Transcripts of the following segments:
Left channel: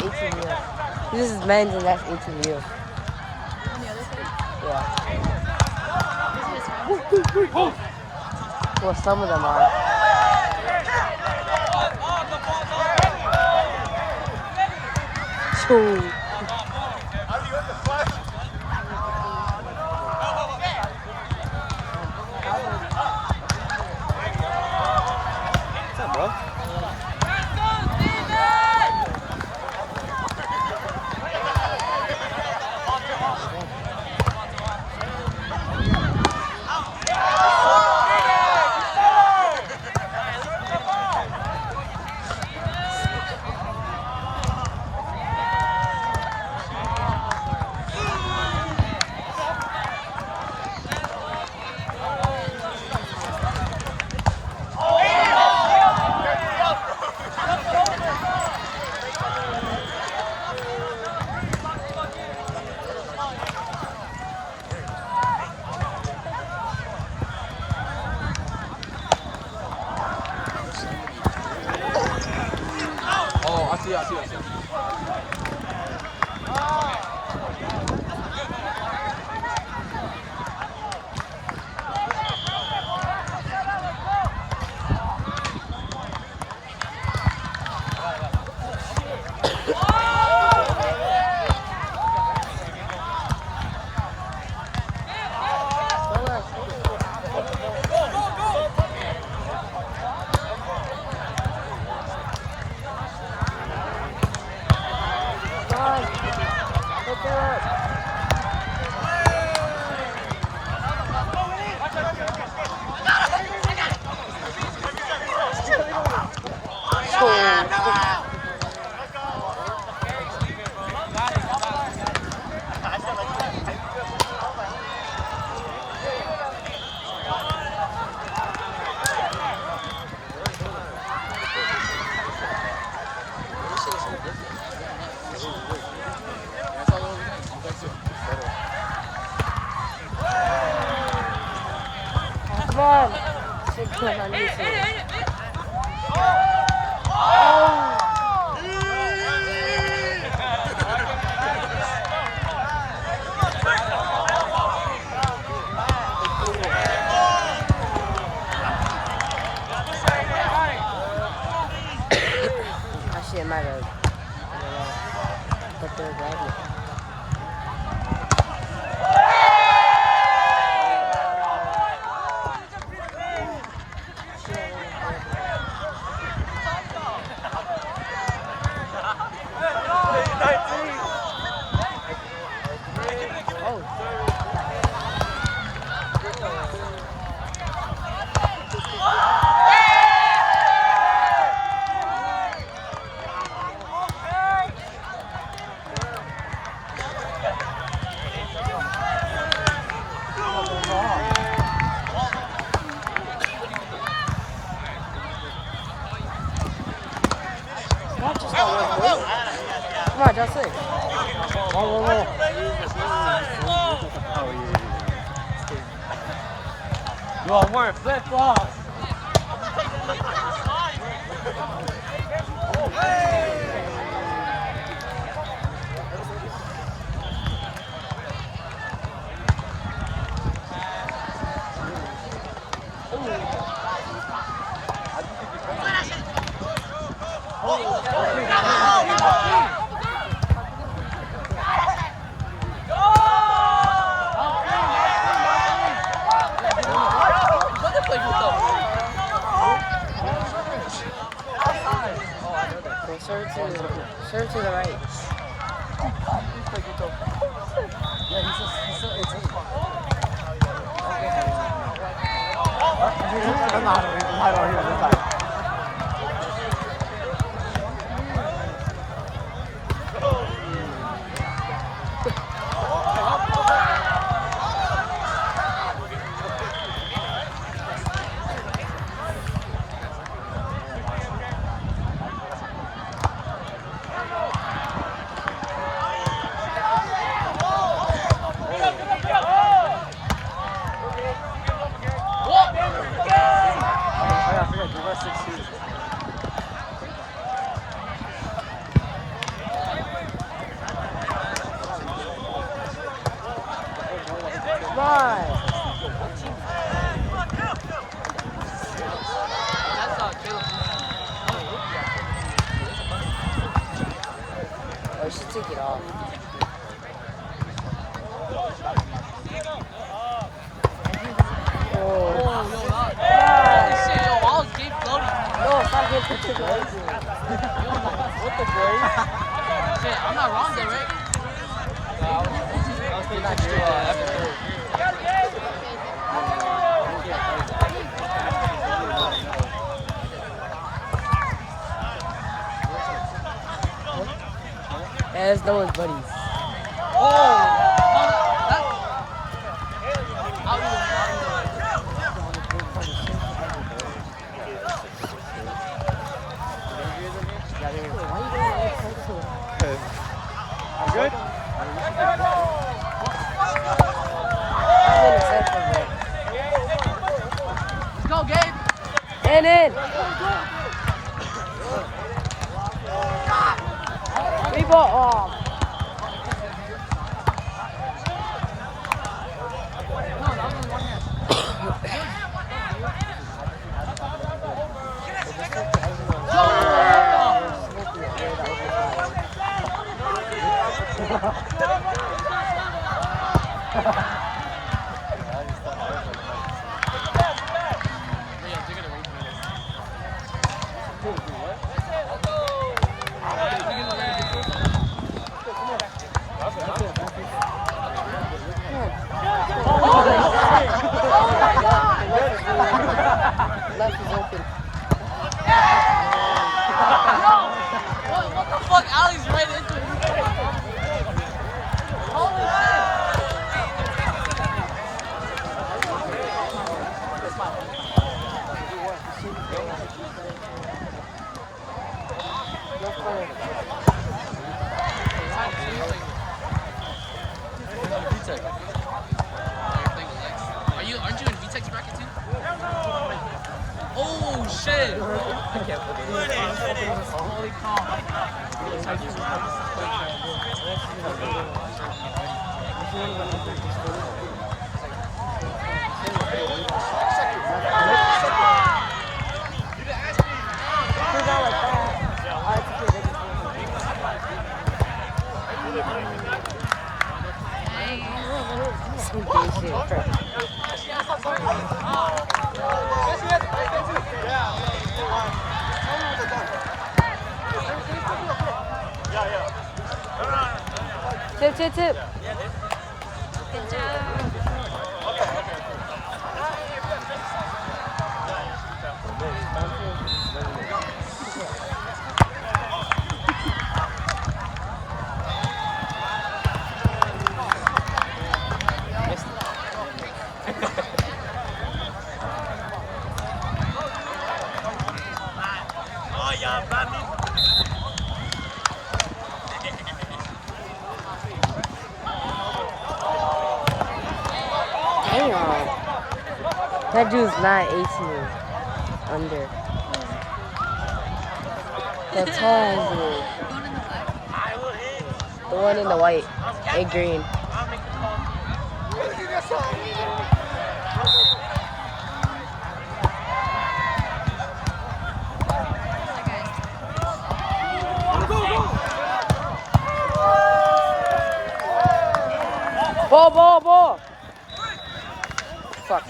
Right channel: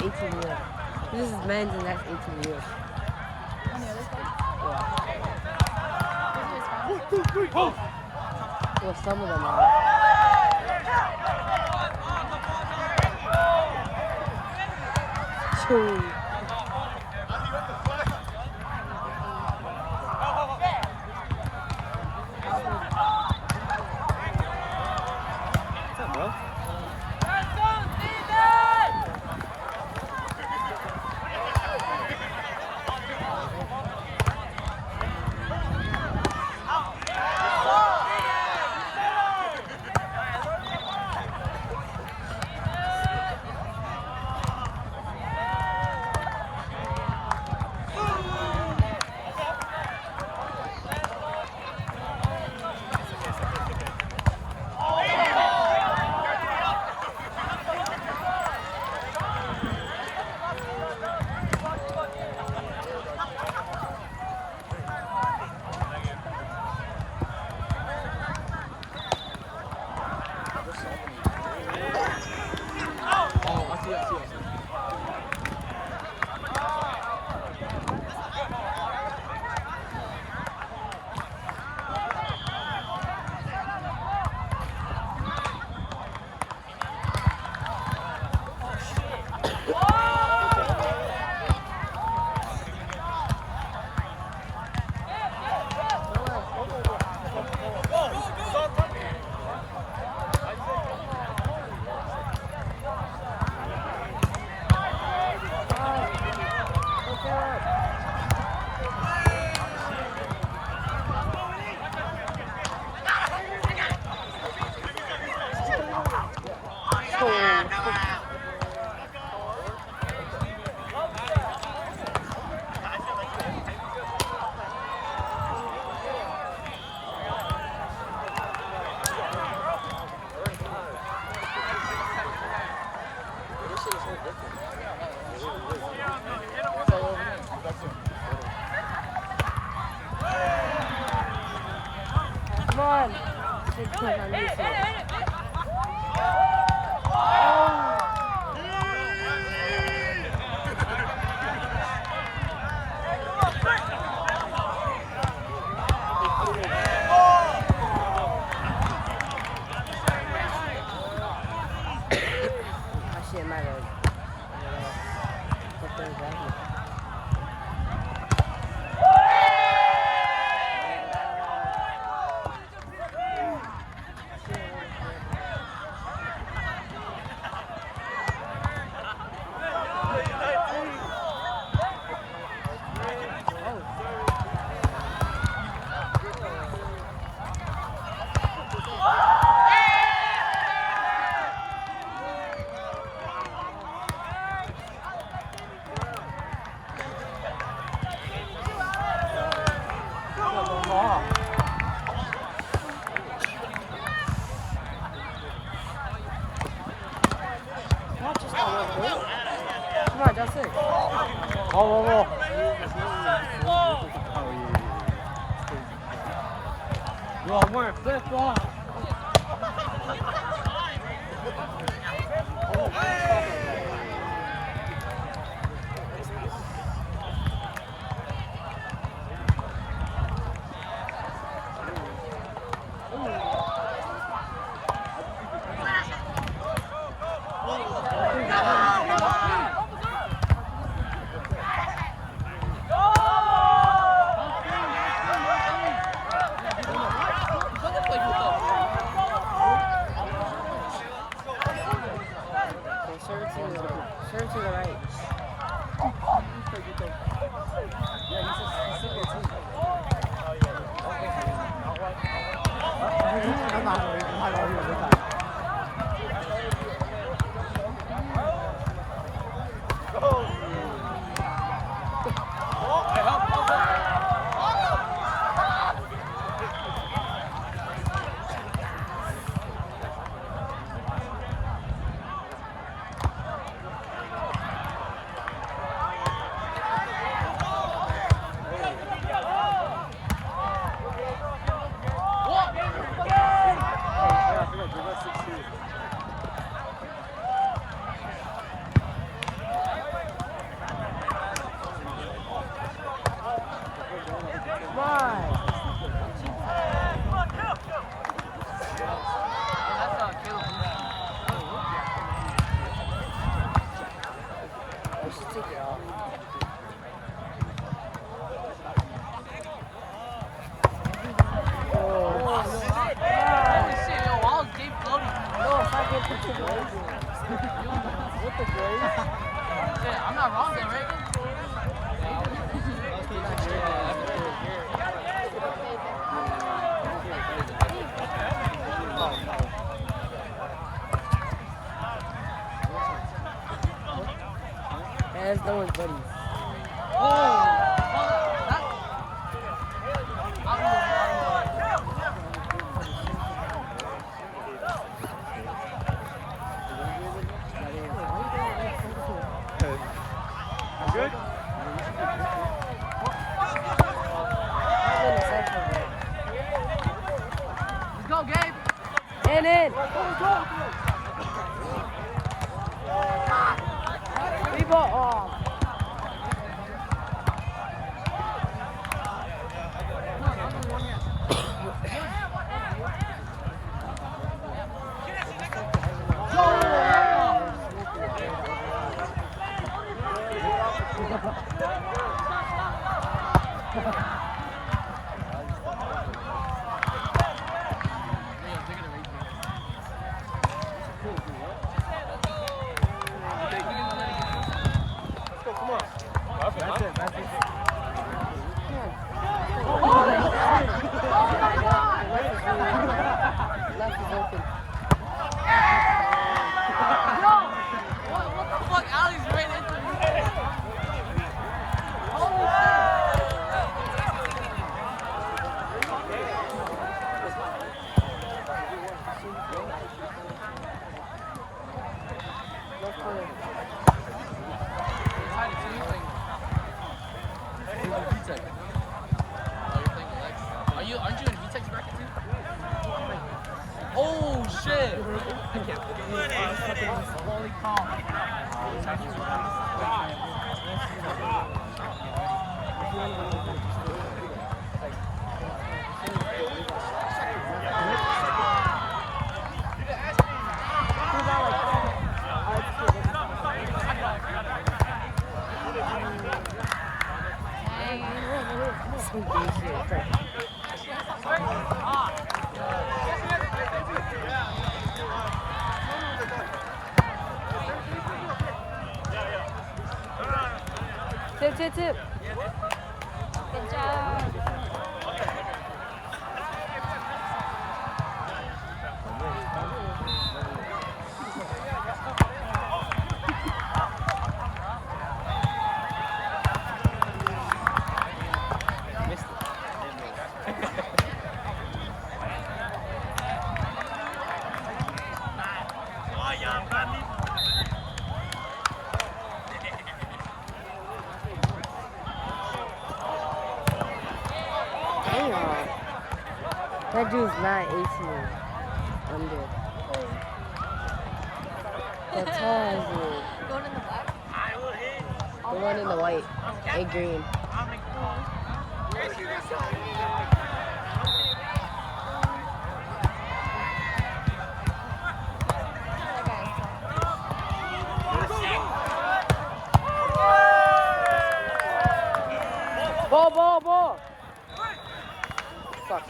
18 years. This is men's and that's 18 years. Yeah. Well, some of them are. Ooh. I'm not wrong though, right? Yeah, that's no one's buddies. I'll either way. Good? Let's go, Gabe. And in. Hey, ball. Oh. No, that was only one hand. What the fuck? Ali's right into it. Holy shit. Aren't you in VTech's bracket too? Oh shit! Holy cow! Tip. Damn. That dude's not 18 under. That's tall dude. The one in the white and green. Ball. Fuck.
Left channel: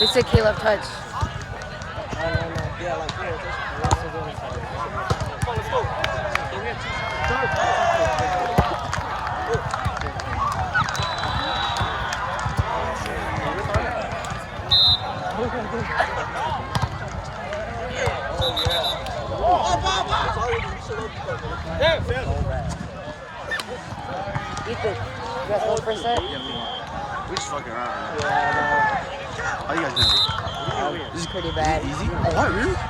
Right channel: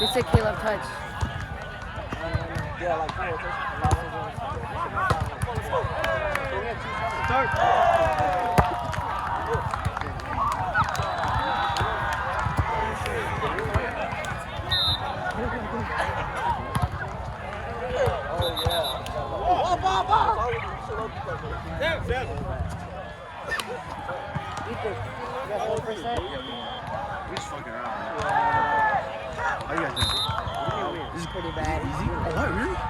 They said Caleb touch. Yeah, like here. We had 2 shots. Third. Yeah, Phil. Ethan, you guys 1%? Yeah, we won. We just fucking around right now. How you guys doing? This is Pretty bad. easy? Oh, what? Really? Yeah,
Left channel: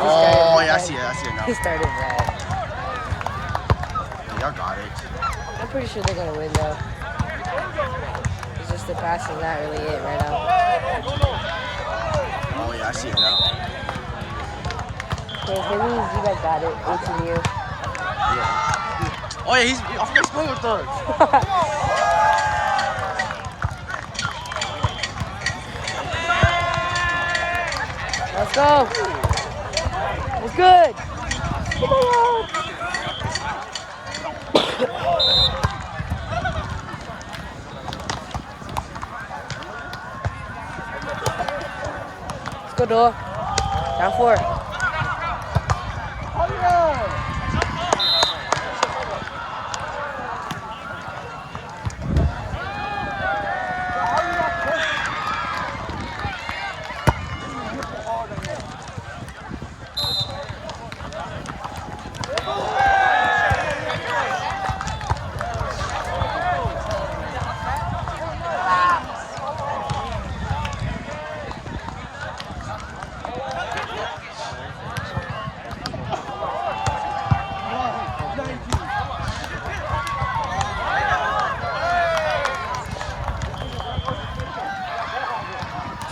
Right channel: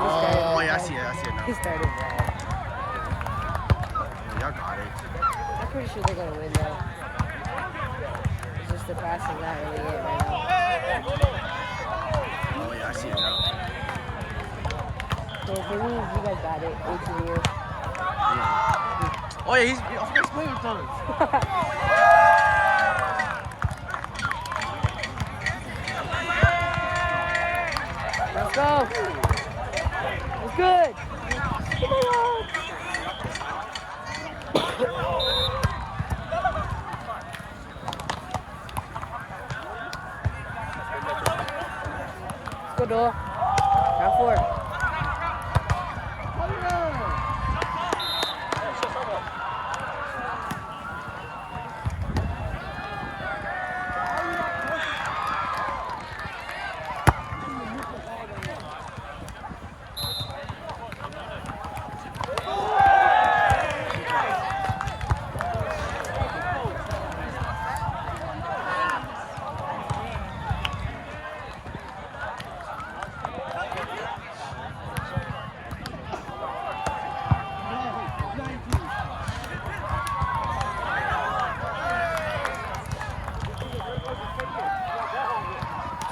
Oh, yeah, I see it now. He started bad. Yeah, y'all got it. I'm pretty sure they're gonna win though. It's just the pass is not really it right now. Oh, yeah, I see it now. Okay, that means you guys got it. It's you. Yeah. Oh, yeah, I forgot he's playing with us. Let's go. It's good. Let's go, Noah. Down 4.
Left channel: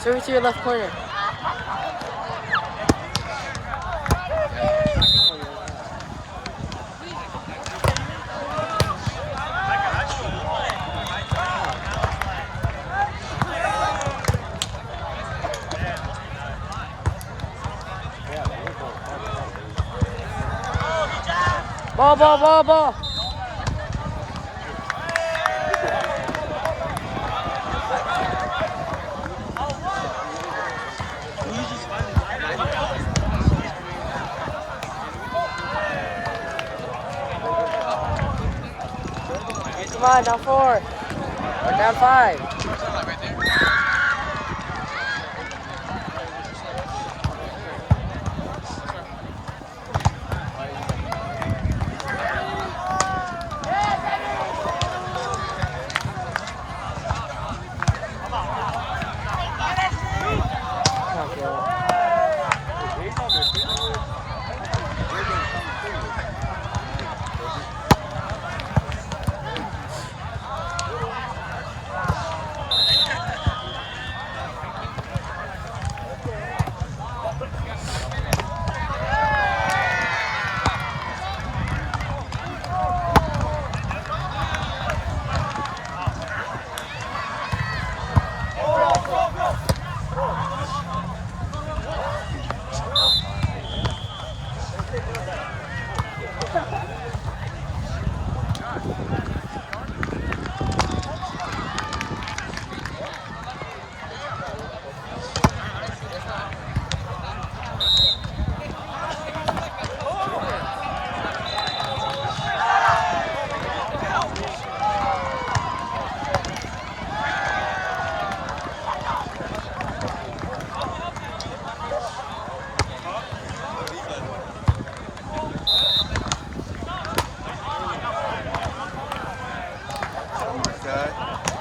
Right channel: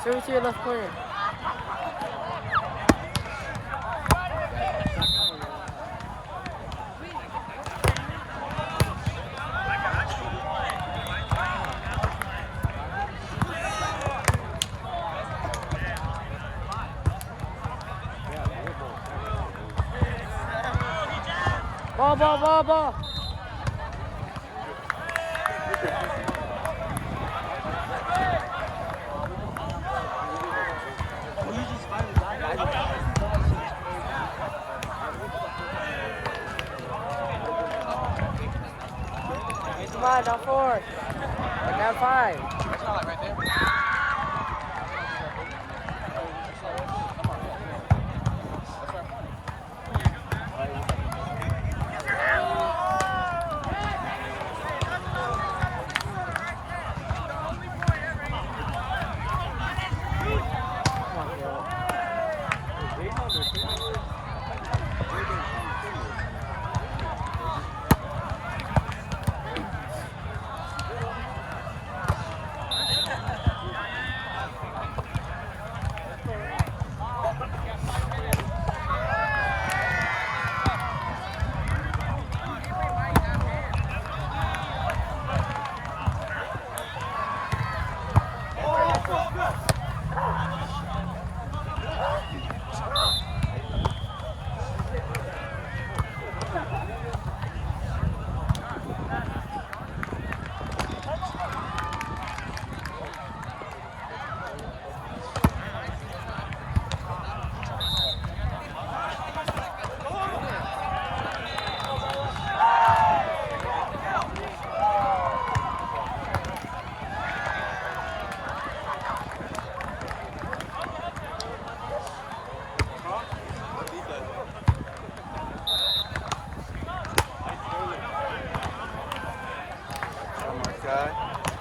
Serve it to your left corner. Ball. 4. We're down 5.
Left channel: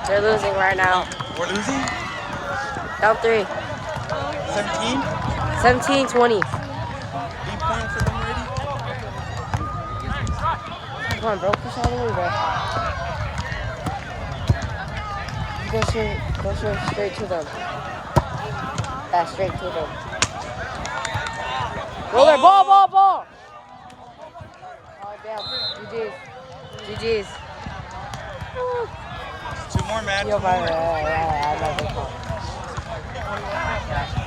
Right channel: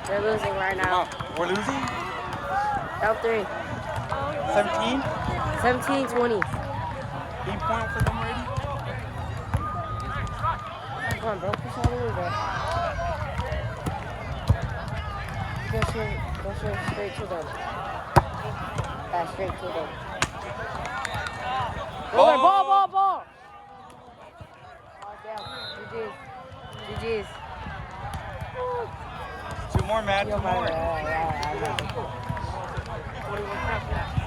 They're losing right now. We're losing? Down 3. 17? 17-20. Are you playing for them already? Come on, bro. Push all the way back. You go straight to them. That's straight to them. Roll it. Ball. Oh, damn. GG's. 2 more, man. Yo, 2 more. bye.